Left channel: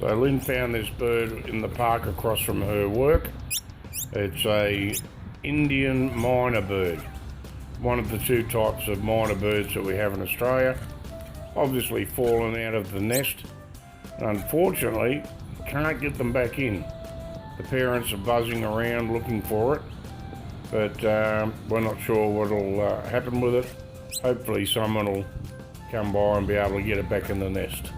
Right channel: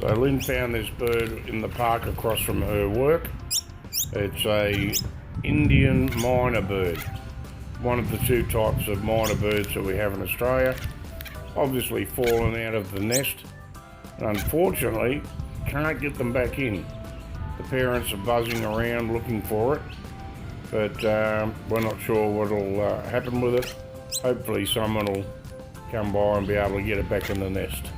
So Lynn found this bird in the park across from her work. It's a Indian Myna Bird, one of the two types of Myna birds that we have in Australia. Obviously fallen out of the nest, and unfortunately can't get them back in. The parents are buzzing around looking for it, but we're not sure what'll happen with it. Hopefully someone will come by and be able to get it back in the nest.